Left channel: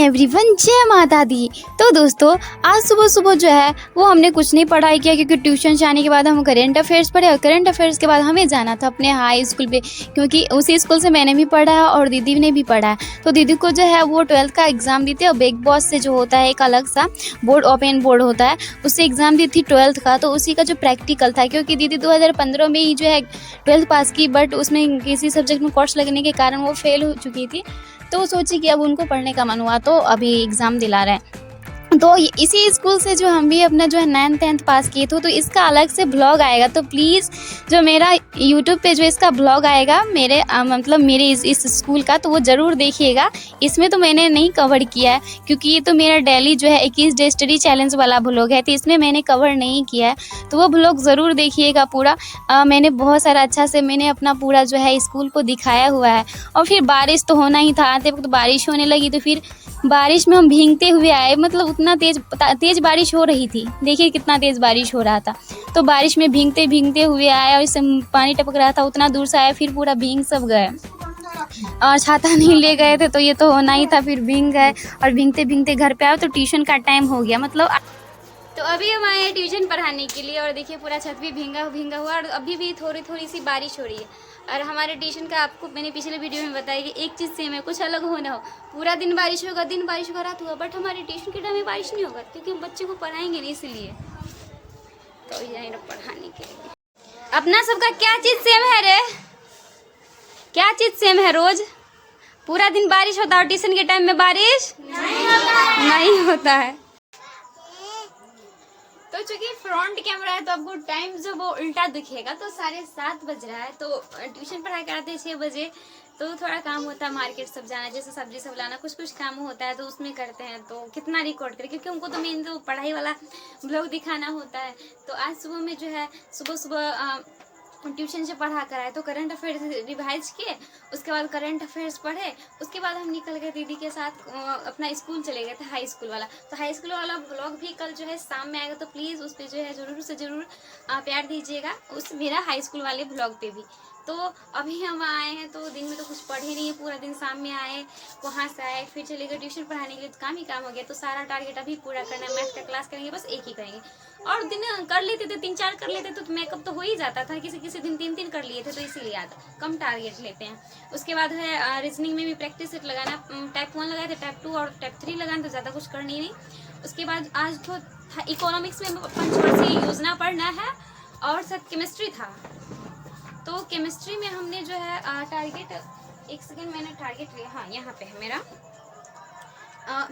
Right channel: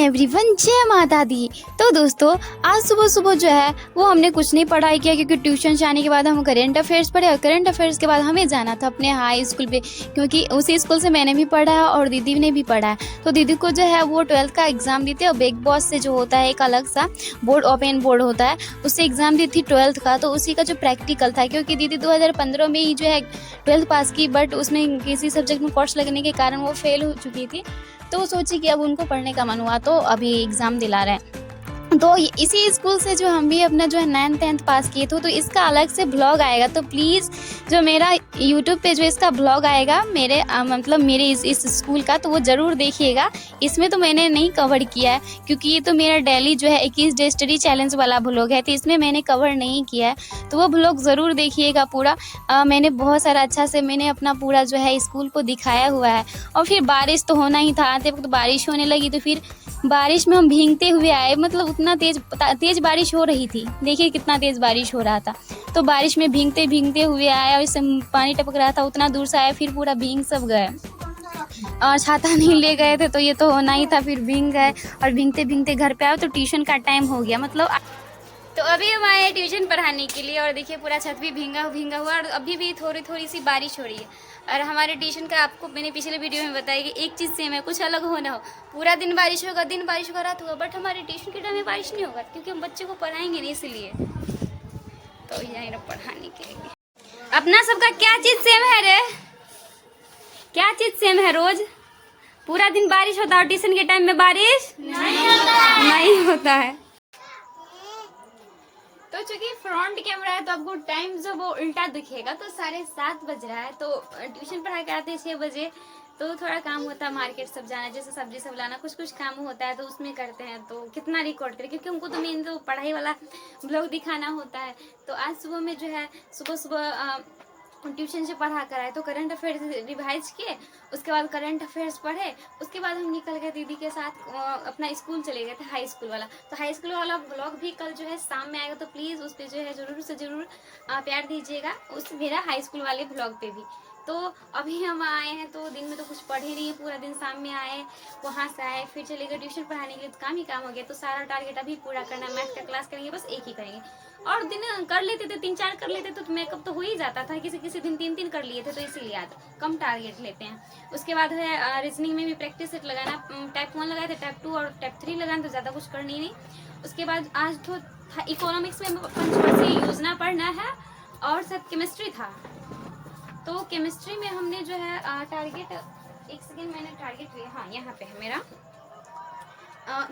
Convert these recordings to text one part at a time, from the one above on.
Everyone, जय माता दी। तो दोस्तों, आज सुबह सुबह जो है वो हमने कुछ नहीं पढ़ाई किया, क्योंकि ट्यूशन से आने के बाद हम करेंट अफेयर्स पढ़े और करेंट अफेयर्स के बाद हमें जाना था अपने हाई स्कूल पे, क्योंकि उसी स्कूल से मैंने भी पढ़ा है और दीदी ने भी पढ़ा है। तो दीदी को जो है वो 12th का एग्ज़ाम दी थी और बिग बॉस से जो होता है एक अलग सा बोर्ड, ओपन बोर्ड होता है, उससे एग्ज़ाम दी थी 12th का। तो उसी का जो प्रैक्टिकल था, क्योंकि दीदी 2015 में ही जो है 12th पास की, बट उसमें किसी सब्जेक्ट में कोर्स लगने के कारण वो फेल हो चुकी थी। तो सोची कि अब उनको पढ़ने का मन हुआ तो अभी एग्ज़ाम दिला रहे हैं। तो इसी स्कूल से जो हम भी अपना जो है 9th 10th पास किए थे, तो इसका अलग से ब्लॉग आएगा। तो प्लीज़ जो मेरा यूट्यूब पे जो इसका ब्लॉग आएगा मेरे मतलब मेरे इस स्कूल का, तो वो ज़रूर देखिएगा। इसमें तो मैंने नहीं कवर किया है, क्योंकि ये तो मेरा डेली जो है 21 डे स्टडी चैलेंज वाला ब्लॉग है, तो इसमें मैंने कवर नहीं किया है। तो वो ब्लॉग ज़रूर देखिएगा पूरा। मैंने बहुत सारा अच्छा से मैंने अपना पूरा जो है स्कूल को दिखाया हुआ है। और फिर बारिश तो होना ही था, आते वक्त बारिश होने लगी, तो फिर बारिश में हम भीगते हुए आए। मतलब उतना तेज़ बारिश हो रही थी, देखिए कितना तेज़ बारिश हो रहा था। तो बारिश में भीगते भीगते हुए आए और इससे पानी टपक रहा था, उतना दूर से आए, फिर पूरा भीग सब गए। और छाता नहीं ले गए थे, तो ये तो होना ही था, फिर भीग गए और भीगते भीगते घर पे आए तो ट्यूशन का टाइम हो गया। मतलब तो अभी हम आए ट्यूशन पढ़ाने के लिए, और देखिए पूरा छत भी भींगा भींगा हुआ, और अभी भी थोड़ी थोड़ी सी बारिश हो रही है। और हमारे ट्यूशन का आपको मैंने पिछले वीडियो में बताया कि एक चीज़ सेम है, कुछ अलग हो ना हो, पूरा दिन बारिश होगा, रात होगा, बट हमारे ट्यूशन के टाइम में बारिश नहीं होगा, क्योंकि हम बच्चे को पढ़ाएंगे नहीं, इसलिए तो जाएंगे पढ़ाने के लिए। अपना सबका क्या चीज़ सेम है रे? क्या चीज़ सेम है? रोज पूरा दिन बारिश होता है और ट्यूशन के टाइम में बारिश नहीं होता है। तो चूंकि फ्रंट कैमरा है तो आपको टाइम जो वो उल्टा दिखेगा। तो 7:30 बज रहा है, तो ट्यूशन पढ़ाई कराते हैं 6 बजे, तो थोड़ा काम होता है मार्केट सब जाना, जैसे सब्जी सब लाना, कुछ काम होता है, तो उसमें करते हैं। तो कितना रिकॉर्ड करें, क्योंकि उनको तो मेन तो पढ़ाई वाला ब्लॉग दिखाना होता है। तो आज सुबह में जो है सुबह ट्यूशन से पढ़ा कर आए, तो करंट अफेयर्स रिवाइज किए, उसके बाद करंट अफेयर्स पढ़े, उसके बाद हम निकल गए दीदी के साथ अपना स्कूल चले गए थे, हाई स्कूल वाला। तो हाई स्कूल वाला ब्लॉग भी कल जो है शाम में आएगा, तो प्लीज़ उस पर जो है ज़रूर से ज़रूर प्यार दीजिएगा, उस मेरा हाई स्कूल वाले ब्लॉग पे भी। तो अभी हम आए हैं, तो दिन में तो कुछ पढ़े नहीं है, पूरा दिन शाम में आए, वहाँ से आए, फिर चले गए ट्यूशन पढ़ाने के लिए, तो काम ही काम हो गया। तो सारा टारगेट अभी पूरा करना है, मैथ का क्लास करेंगे, बस एक ही करेंगे। और दिन कर लेते थे, 3-4 कर लेते तो मेकअप तो हो ही जाता था, किसी किसी दिन 3-3 कर लिए थे, तो इसीलिए आज कम टारगेट लेते हैं। उसके बाद है रीजनिंग में भी प्रैक्टिस सेट लगाना, टाइप 1 लगाए थे, टाइप 2 और टाइप 3 लगाना, तो ज़्यादा कुछ करनी नहीं। उसके बाद आज तो इकोनॉमिक्स में पंचवर्षीय योजना पढ़ना है, और सब केमिस्ट्री था। तो केमिस्ट्री में हमने जो है टारगेट, एक सेकेंड मैंने टारगेट लिया, हाँ यहाँ पे है मेरा,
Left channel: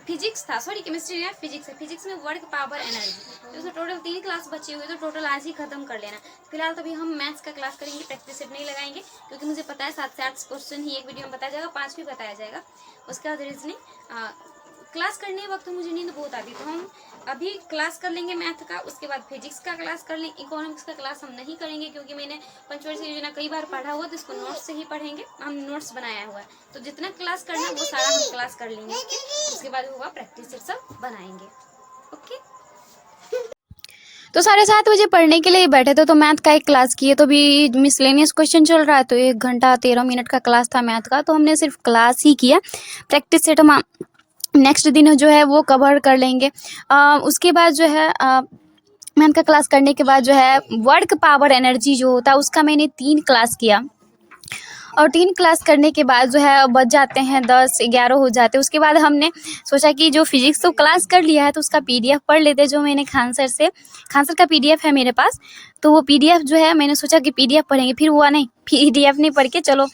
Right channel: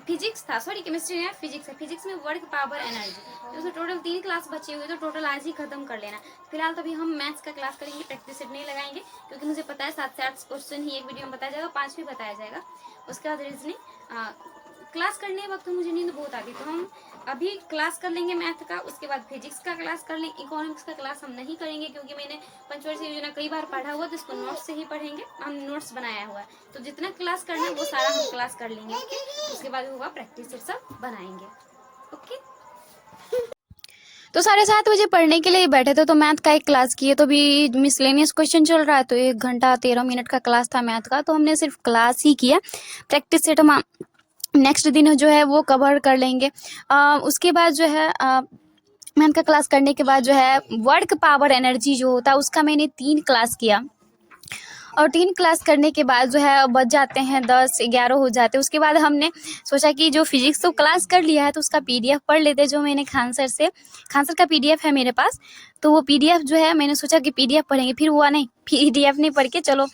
फिजिक्स था, सॉरी केमिस्ट्री में फिजिक्स है। फिजिक्स में वर्क पावर एनर्जी, तो टोटल 3 क्लास बचे हुए, तो टोटल आज ही खत्म कर लेना। फिलहाल तो अभी हम मैथ्स का क्लास करेंगे, प्रैक्टिस सेट नहीं लगाएंगे, क्योंकि मुझे पता है 7 से 8 क्वेश्चन ही एक वीडियो में बताया जाएगा, 5 भी बताया जाएगा। उसके बाद रीजनिंग क्लास करने वक्त मुझे नींद बहुत आती, तो हम अभी क्लास कर लेंगे मैथ का, उसके बाद फिजिक्स का क्लास कर लेंगे। इकोनॉमिक्स का क्लास हम नहीं करेंगे, क्योंकि मैंने पंचवर्षीय योजना कई बार पढ़ा हुआ, तो इसको नोट्स से ही पढ़ेंगे, हम नोट्स बनाया हुआ है। तो जितना क्लास करना है वो सारा हम क्लास कर लेंगे, ओके। उसके बाद होगा प्रैक्टिस सेट सब बनाएंगे, ओके। तो 7:30 बजे पढ़ने के लिए बैठे थे, तो मैथ का एक क्लास किए, तो भी मिसलेनियस क्वेश्चन चल रहा है, तो 1 घंटा 13 मिनट का क्लास था मैथ का, तो हमने सिर्फ क्लास ही किया। प्रैक्टिस सेट हम नेक्स्ट दिन जो है वो कवर कर लेंगे। उसके बाद जो है मैथ का क्लास करने के बाद जो है वर्क पावर एनर्जी जो होता है उसका मैंने 3 क्लास किया, और 3 क्लास करने के बाद जो है बज जाते हैं 10-11 हो जाते हैं। उसके बाद हमने सोचा कि जो फिजिक्स तो क्लास कर लिया है, तो उसका PDF पढ़ लेते, जो मैंने खान सर का PDF है मेरे पास, तो वो PDF जो है मैंने सोचा कि PDF पढ़ेंगे, फिर हुआ नहीं, PDF नहीं पढ़ के चलो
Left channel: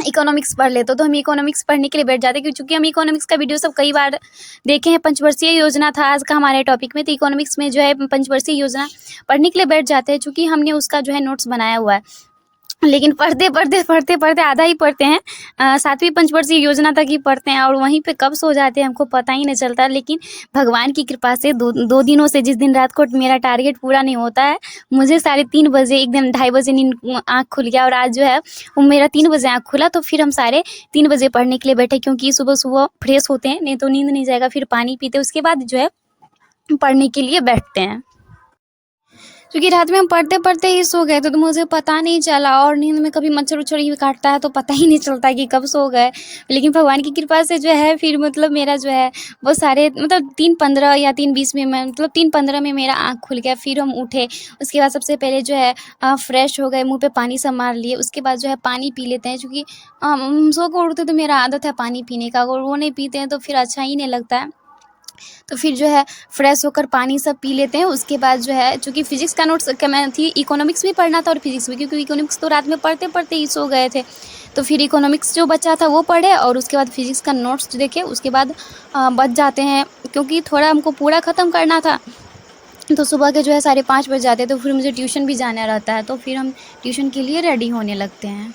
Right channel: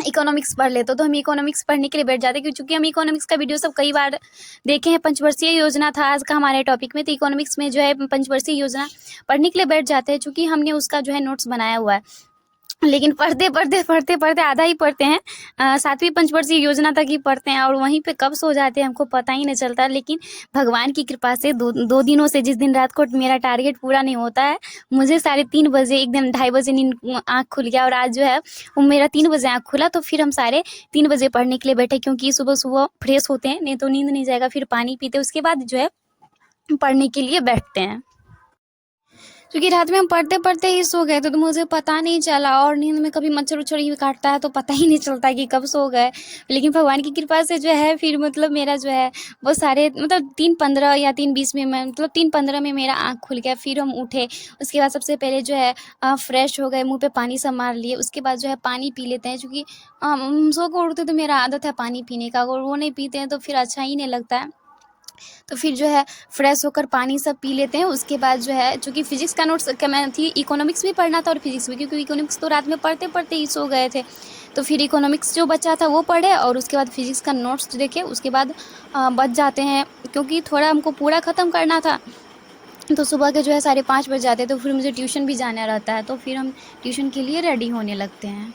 इकोनॉमिक्स पढ़ लेते, तो हम इकोनॉमिक्स पढ़ने के लिए बैठ जाते, क्योंकि हम इकोनॉमिक्स का वीडियो सब कई बार देखे हैं। पंचवर्षीय योजना था आज का हमारे टॉपिक में, तो इकोनॉमिक्स में जो है पंचवर्षीय योजना पढ़ने के लिए बैठ जाते हैं, चूँकि हमने उसका जो है नोट्स बनाया हुआ है। लेकिन पढ़ते आधा ही पढ़ते हैं, 7वीं पंचवर्षीय योजना तक ही पढ़ते हैं, और वहीं पे कब सो जाते हैं हमको पता ही नहीं चलता। लेकिन भगवान की कृपा से दो दिनों से, जिस दिन रात को मेरा टारगेट पूरा नहीं होता है, मुझे 3:30 बजे, एक दिन 2:30 बजे नींद आँख खुल गया, और आज जो है वो मेरा 3 बजे आँख खुला। तो फिर हम 3:30 बजे पढ़ने के लिए बैठे, क्योंकि सुबह सुबह फ्रेश होते हैं, नहीं तो नींद नहीं जाएगा। फिर पानी पीते, उसके बाद जो है पढ़ने के लिए बैठते हैं। क्योंकि रात में हम पढ़ते-पढ़ते ही सो गए थे, तो मुझे पता नहीं चला और नींद में कभी मच्छर-वच्छर ही काटता है तो पता ही नहीं चलता कि कब सो गए। लेकिन भगवान की कृपा से जो है फिर मतलब मेरा जो है वो साढ़े मतलब 3:15 या 3:20 में मैं मतलब 3:15 में मेरा आँख खुल गया, फिर हम उठे। उसके बाद सबसे पहले जो है फ्रेश हो गए, मुँह पे पानी सब मार लिए। उसके बाद जो है पानी पी लेते हैं क्योंकि सो के उठते तो मेरा आदत है पानी पीने का, अगर वो नहीं पीते हैं तो फिर अच्छा ही नहीं लगता है। तो फिर जो है फ्रेश होकर पानी सब पी लेते हैं। उसके बाद जो है चूँकि फिज़िक्स का नोट्स क्या मैं थी इकोनॉमिक्स भी पढ़ना था और फिज़िक्स भी, क्योंकि इकोनॉमिक्स तो रात में पढ़ते-पढ़ते ही सो गए थे। तो फिर इकोनॉमिक्स जो बचा था वो पढ़े और उसके बाद फिज़िक्स का नोट्स देखे। उसके बाद बच जाते हैं क्योंकि थोड़ा हमको पूरा ख़त्म करना था। तो सुबह के जो है 5:30 बज जाते हैं, तो फिर मुझे ट्यूशन भी जाना रहता है, तो फिर हम ट्यूशन के लिए रेडी होने लगते हैं।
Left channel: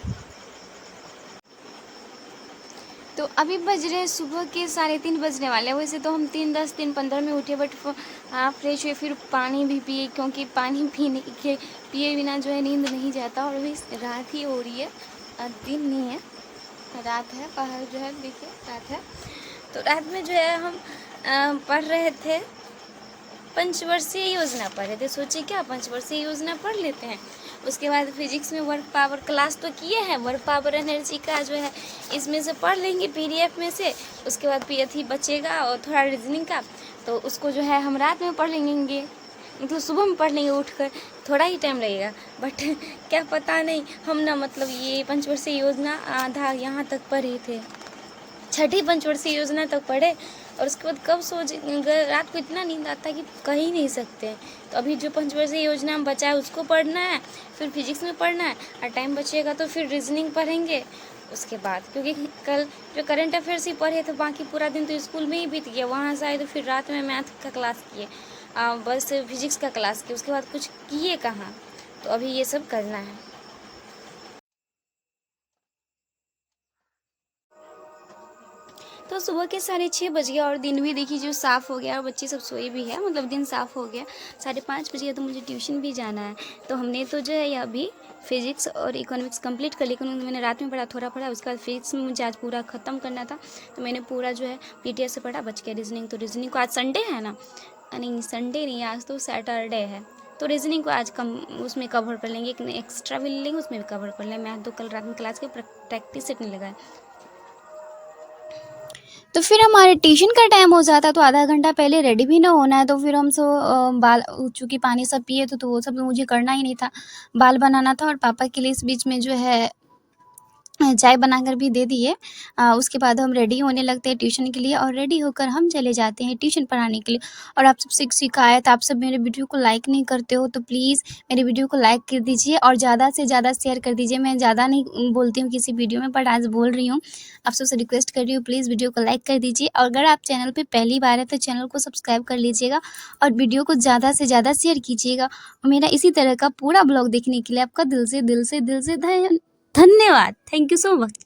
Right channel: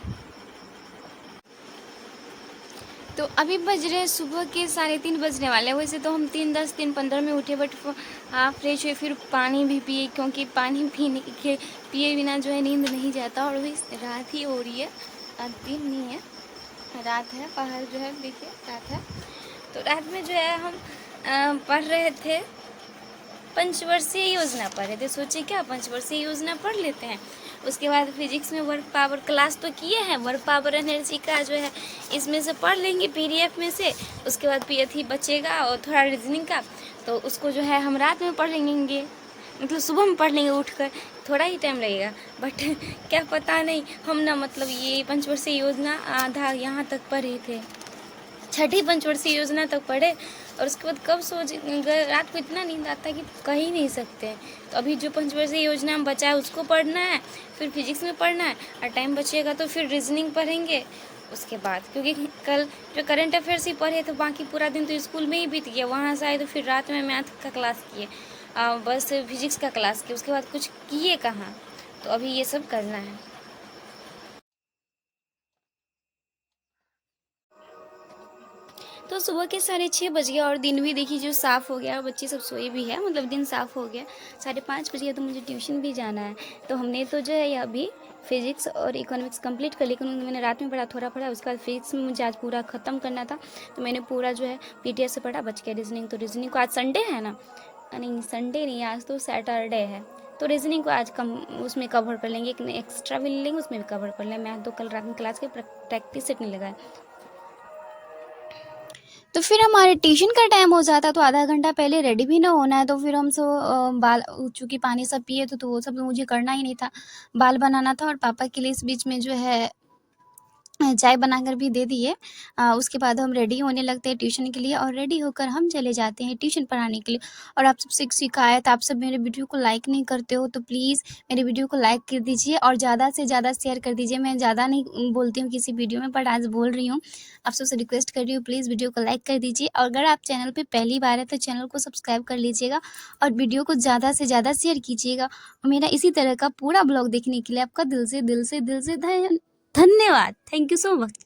तो अभी बज रहे हैं सुबह के 3:30 बजने वाले हैं। वैसे तो हम 3:10 3:15 में उठे, बट फ्रेश हुए, फिर पानी भी पिए, क्योंकि पानी पीने के पिए बिना जो है नींद नहीं जाता। और अभी रात ही हो रही है, दिन नहीं है, रात है। बाहर जो है देखिए रात है। तो रात में जो है हम पढ़ रहे थे, पंचवर्षीय योजना पढ़ रहे थे। सोचे क्या पंचवर्षीय योजना पढ़ लेते हैं। उसके बाद फिजिक्स में वर्क पावर क्लास तो किए हैं, वर्क पावर एनर्जी का जो है इसमें से पढ़ लेंगे पीडीएफ में से। उसके बाद पीएथी बचेगा और थोड़ा रीजनिंग का, तो उसको जो है हम रात में पढ़ लेंगे, मतलब सुबह में पढ़ लेंगे उठकर। थोड़ा ही टाइम लगेगा, बट क्या पता नहीं हम ना मतलब ये पंचवर्षीय योजना आधा यहाँ तक पढ़े थे, छठी पंचवर्षीय योजना तक पढ़े। और उसके बाद कब सो रात को इतना नींद आता है कि कह ही नहीं सकते। तो अभी जो पंचवर्षीय योजना हम बचा है उसको पढ़ना है, फिर फिजिक्स में पढ़ना है, और टाइम बचेगा तो फिर रीजनिंग पढ़ेंगे उसके बाद। क्योंकि कल जो करंट अफेयर्स ही पढ़े थे, बाकी पूरा दिन तो स्कूल में ही बीत गया। वहाँ से आए तो फिर रात में मैथ का क्लास किए, बस फिजिक्स का क्लास किए, उसके बाद कुछ किए कहाँ। तो अभी ये सब करना है। तो सुबह के 6:30 बज गया और दिन भी देखिए जो साफ़ हो गया और बच्चे सब सोए भी है, मतलब दिन साफ़ हो गया। 5:30 बज गया तो मुझे ट्यूशन भी जाना है। तो हमने तो जो है अभी फिजिक्स और इकोनॉमिक्स कंप्लीट कर, लेकिन मैंने रात में पढ़ा, थोड़ा पढ़ा। उसके बाद फिजिक्स में मुझे आज पूरा ख़त्म करना था, तो मैंने पूरा जो है पीडीएफ से पढ़ा। बच गया रीजनिंग, तो रीजनिंग को आज संडे है ना, नहीं संडे नहीं, आज तो सैटरडे है, तो रीजनिंग को आज कम उसमें कवर कर लेंगे, एक एक्स्ट्रा भी ले लेंगे, उसमें भी कवर कर लेंगे। मैथ तो कल रात में क्लास के प्रैक्टिस सेट नहीं लगाए। तो फिर हमारे ट्यूशन का टाइम हो जाता, तो आधा घंटा पहले रेडी भी ना होना है। तो फिर हम बाल चूँकि पानी सब पिए थे, तो वो सब मुझे करना ही नहीं था, बाल बनाना था। और पापा के लिए इस बीच में जो है चाय बनाकर भी दे दिए। उसके बाद हम रेडी होने लगते हैं ट्यूशन के लिए, और रेडी होकर हम चले जाते हैं ट्यूशन पढ़ाने के लिए। और आप सबसे एक शिकायत, आप सब मेरे वीडियो को लाइक नहीं करते हो, तो प्लीज़ मेरे वीडियो को लाइक कर दीजिए और ज़्यादा से ज़्यादा शेयर कर दीजिए। मैं ज़्यादा नहीं बोलती हूँ किसी वीडियो में, बट आज बोल रही हूँ, आप सबसे रिक्वेस्ट कर रही हूँ, प्लीज़ वीडियो को लाइक कर दीजिए। और अगर आप चैनल पर पहली बार है तो चैनल को सब्सक्राइब कर लीजिएगा और वीडियो को ज़्यादा से ज़्यादा शेयर कीजिएगा। और मेरा इसी तरह का पूरा ब्लॉग देखने के लिए आपका दिल से धन्यवाद। Thank you so much.